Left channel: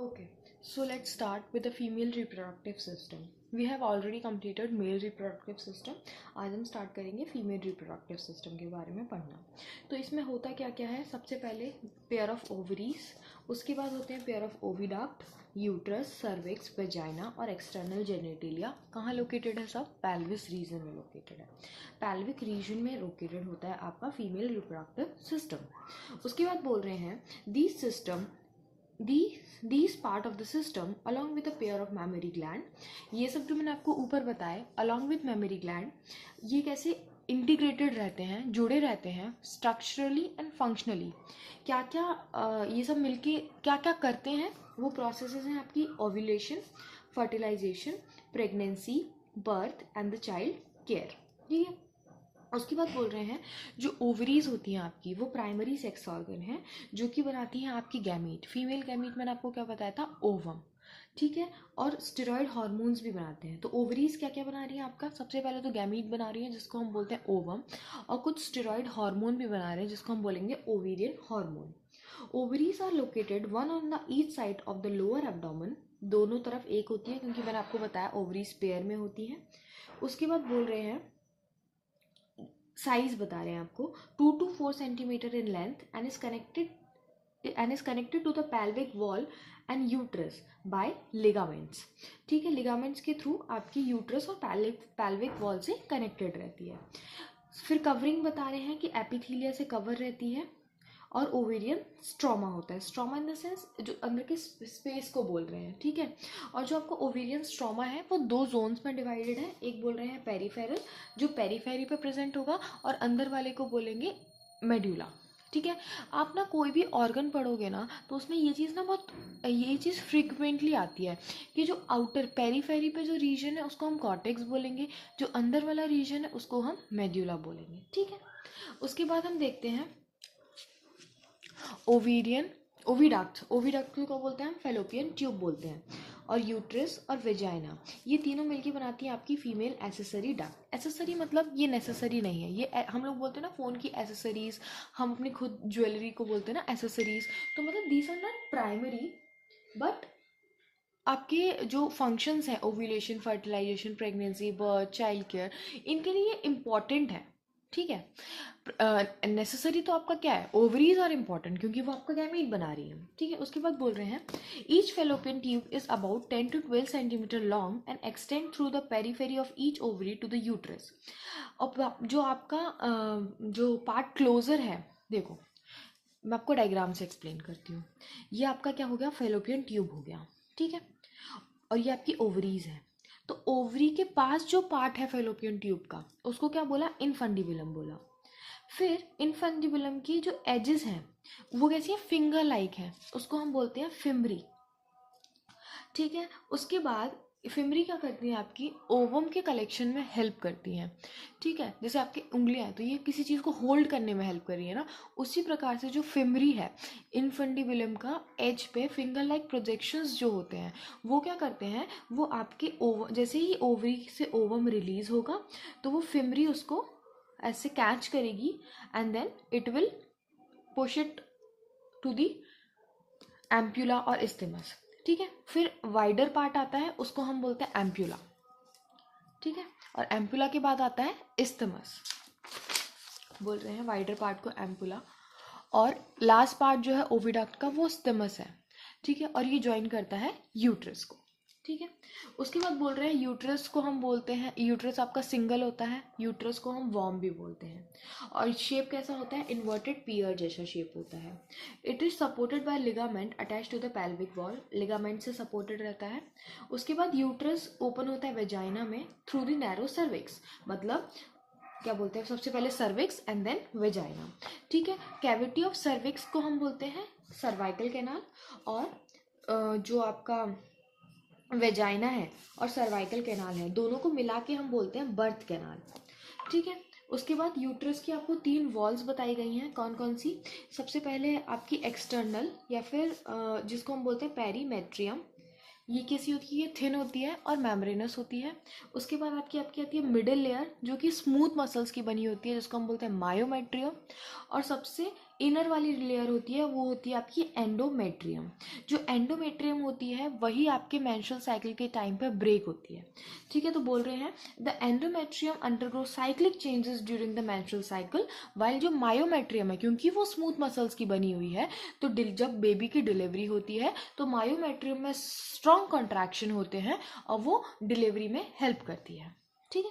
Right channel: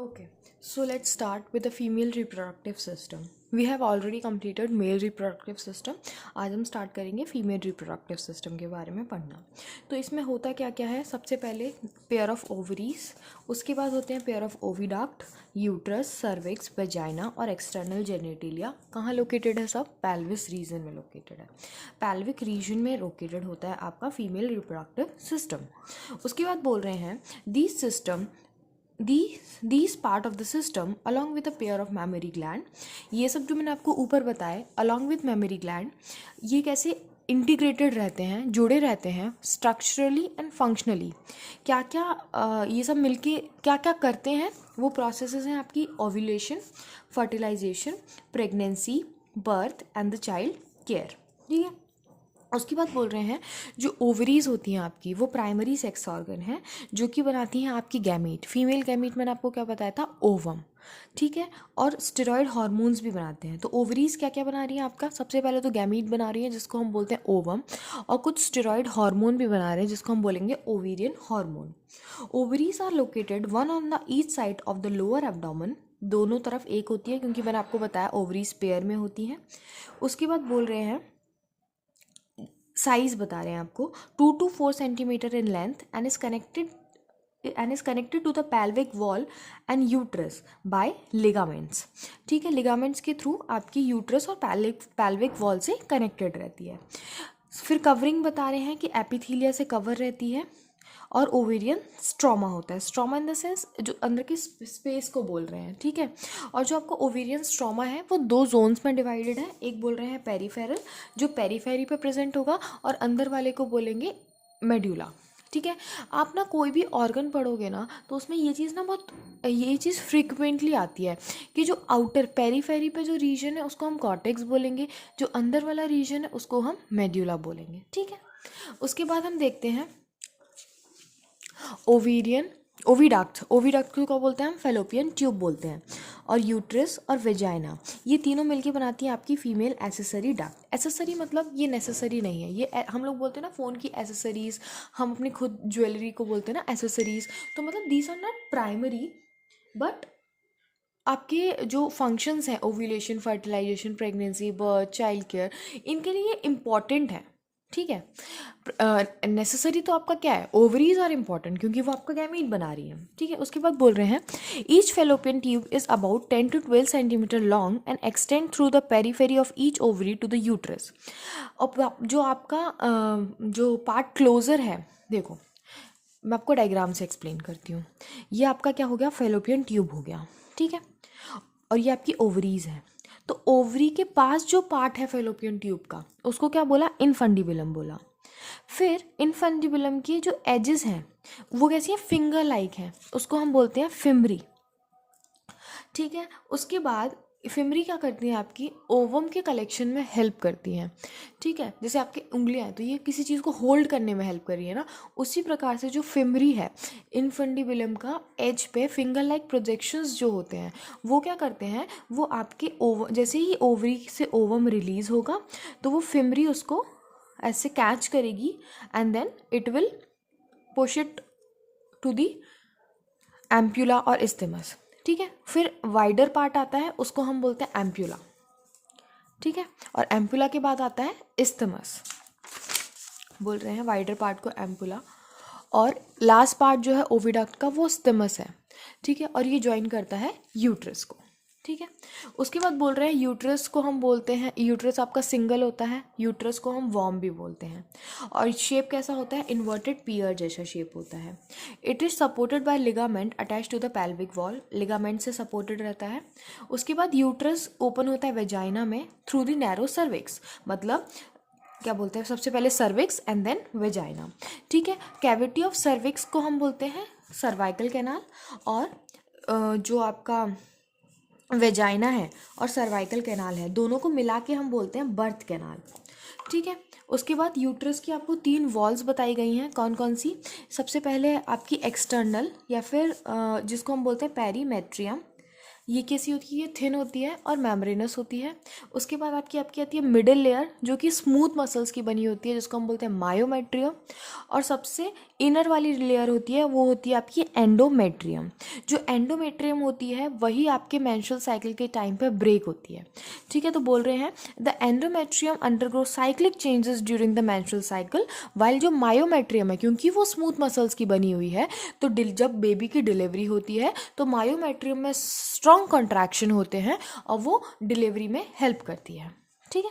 Okay, so let's start with the female reproductive system. We have already completed male reproductive system. आज हम start करेंगे female reproductive system के बारे में पढ़ना. तो इसमें होता क्या क्या है. सबसे पहले पेयर ऑफ ओवरीज, उसके बाद होते हैं pair of oviduct, uterus, cervix, vagina और एक्सटर्नल जेनेटिलिया. कहाँ लोकेटेड है सब? पेल्विस रीजन में लोकेटेड है. पेल्विक रीजन में लोकेटेड होता है आपका फीमेल रिप्रोडक्टिव सिस्टम. उसके बाद बोल रहे हैं this system these part of the system along with a pair of mammary gland. ये सब जो मैंने आपको ऊपर बताए along with mammary gland, ये कैसे इंटीग्रेटेड रहते हैं, जुड़े रहते हैं स्ट्रक्चरली एंड फंक्शनली. क्या क्या ये सब मिलके क्या क्या करते हैं, वो प्रोसेसेस हैं आपकी ovulation, fertilisation, pregnancy, birth and the child care. ठीक है. उसके बाद बोल रहे हैं जो ओवरीज होती हैं आपकी, वो प्राइमरी सेक्स ऑर्गन है जो कि बनाती हैं आपकी गैमीट. फीमेल गैमीट मैंने आपको क्या बताया था? ओवम. ठीक है. और स्टेरॉयड हार्मोन्स भी बनाते हैं. तो ओवरीज क्या क्या बना रही हैं आपका? सबसे पहले तो गैमीट बना रही है जिसको हम बोलते हैं ओवम, और कुछ स्टेरॉयड हार्मोन भी बना रहे हैं जिसको हम बोलेंगे ovarian hormone. Ovaries are located one on the each side of the lower abdomen. दोनों तरफ एक होती है क्योंकि मैंने आपको बताया ओवरीज पेयर में होती हैं. उसके बाद बोल रहे हैं साइज बता रहे हैं आपको 2 to 4 centimetre in length and is connected to the pelvic wall and uterus by ligaments. ठीक है. लिगामेंट्स के थ्रू आपकी यूट्रस और pelvic वॉल से कनेक्टेड रहती है. फिर कवरिंग बता रहे हैं कि एपिथीलिया से कवर रहती है और ओवेरियन स्ट्रोमा होता है. स्ट्रोमा इन द सेंस जो अंदर के स्पेस को बोल रहे हैं. ठीक है. और जो आपको ओवेरियन स्ट्रोमा है वो 2 जोन्स में डिवाइडेड है. एक बोल रहे हैं पेरीफेरल, जो पेरीफेरी पे प्रेजेंट होगा, और अंदर वाले को बोलेंगे मेड्यूला. ठीक है. आप ना कोई भी ऑर्गन पढ़ोगे ना तो उसमें ये चीज़ फ्रिक्वेंटली आती है कि जो आउटर पेरीफेरी पे जो रीजन है उसको हम कॉर्टेक्स बोलेंगे, जो अंदर वाला रीजन है उसको हम मेड्यूला बोलेंगे. ठीक है. उसके बाद हम देखते हैं ओविडक्ट को क्या बोलते हैं हम? फेलोपियन ट्यूब बोलते हैं. और यूट्रस और वेजाइना, ये तीनों मिलके बनाती हैं आपकी फीमेल एसेसरी डक्ट. एसेसरी मतलब ये नेसेसरी नहीं है. ये हम लोग बोलते हैं ना फ़ोन की एसेसरीज, हम अपनी खुद ज्वेलरी को बोलते हैं ना एसेसरीज. तो मतलब these are not primary, but आपके जो फंक्शंस हैं ovulation, fertilisation, pregnancy, birth, child care, इनके लिए इम्पॉर्टेंट है. ठीक है. नेसेसरी तो आपका क्या है? ओवरीज आर इम्पॉर्टेंट क्योंकि वो आपका गैमीट बना रही है. ठीक है. उसके बाद बोल रहे हैं each fallopian tube is about 10 to 12 centimetre long and extend through the periphery of each ovary to the uterus. और जो आपका जो पार्ट क्लोजर है, देखो मैं आपको डायग्राम से एक्सप्लेन करती हूँ. ये आपका क्या हो गया? फेलोपियन ट्यूब हो गया. ठीक है. और ये आपकी ओवरीज है. तो ओवरी के पास जो पार्ट है फेलोपियन ट्यूब का, उसको क्या बोला? इनफंडिबुलम बोला. फिर इनफंडिबुलम की जो एजेस हैं वो कैसी है? फिंगर लाइक है, उसको हम बोलते हैं फिमरी. ठीक है. उसके बाद फिमरी क्या करती है? आपकी ओवम के कलेक्शन में हेल्प करती हैं. ठीक है. जैसे आपकी उंगलियां हैं तो ये किसी चीज़ को होल्ड करने में हेल्प कर रही है ना, उसी प्रकार से जो फिमरी है इनफंडिबुलम का एज पे फिंगर लाइक प्रोजेक्शंस जो होते हैं वो क्या करते हैं? वो आपके जैसे ही ओवरी से ओवम रिलीज होगा तो वो फिमरी उसको ऐसे कैच करेगी and then it will push it to the ampulla और इस्थेमस. ठीक है. फिर वाइडर पार्ट आता है, उसको हम बोलते हैं एम्प्यूला. ठीक है. और एम्प्यूला के बाद आता है इस्थेमस. बोल रहे हैं वाइडर पार्ट को एम्प्यूला, और लास्ट पार्ट जो है ओविडक्ट का वो स्टेमस है. ठीक है. और ये ज्वाइन करता है यूट्रस को. ठीक है. उसके बाद बोल रहे हैं यूट्रस को हम बोलते हैं, यूट्रस आपका सिंगल होता है, यूट्रस को हम वॉर्म भी बोलते हैं. और शेप कैसा होता है? इन्वर्टेड पियर जैसा शेप होता है. It is supported by ligament attach to the pelvic wall. Ligament से सपोर्टेड रहता है. उसके बाद यूट्रस ओपन होता है वेजाइना में थ्रू द नैरो सर्विक्स. मतलब क्या बोलते हैं? सबसे पहले सर्विक्स एंड देन वेजाइना. ठीक है. कैविटी ऑफ सर्विक्स को हम बोलते हैं सर्वाइकल कैनाल, और जो आपका वेजाइना है और सर्वाइकल कैनाल है दोनों को मिला के हम बोलते हैं बर्थ कैनाल. ठीक है. उसके बाद यूट्रस की आपको 3 वॉल्स बताई गई हैं. कौन कौन सी? सबसे पहले आपकी एक्सटर्नल, या फिर जिसको हम बोलते हैं पेरीमेट्रियम. ये कैसी होती है? थिन होती है और मेम्ब्रेनस होती है. उसके बाद आपकी आती है मिडिल लेयर जो कि स्मूथ मसल्स की बनी होती है जिसको हम बोलते हैं मायोमेट्रियम. और सबसे इनर वाली लेयर होती है वो होती है आपकी एंडोमेट्रियम। जो एंडोमेट्रियम होती है वही आपके मेंस्ट्रुअल साइकिल के टाइम पे ब्रेक होती है। ठीक है, तो बोल रहे हैं the endometrium undergo cyclic changes during the menstrual cycle, while जो मायोमेट्रियम है क्योंकि वो स्मूथ मसल्स की बनी हुई है, तो जब बेबी की डिलीवरी होती है तो मायोमेट्रियम में स्ट्रॉन्ग कॉन्ट्रैक्शन होते हैं और वो डिलीवरी में हेल्प करती है। ठीक है।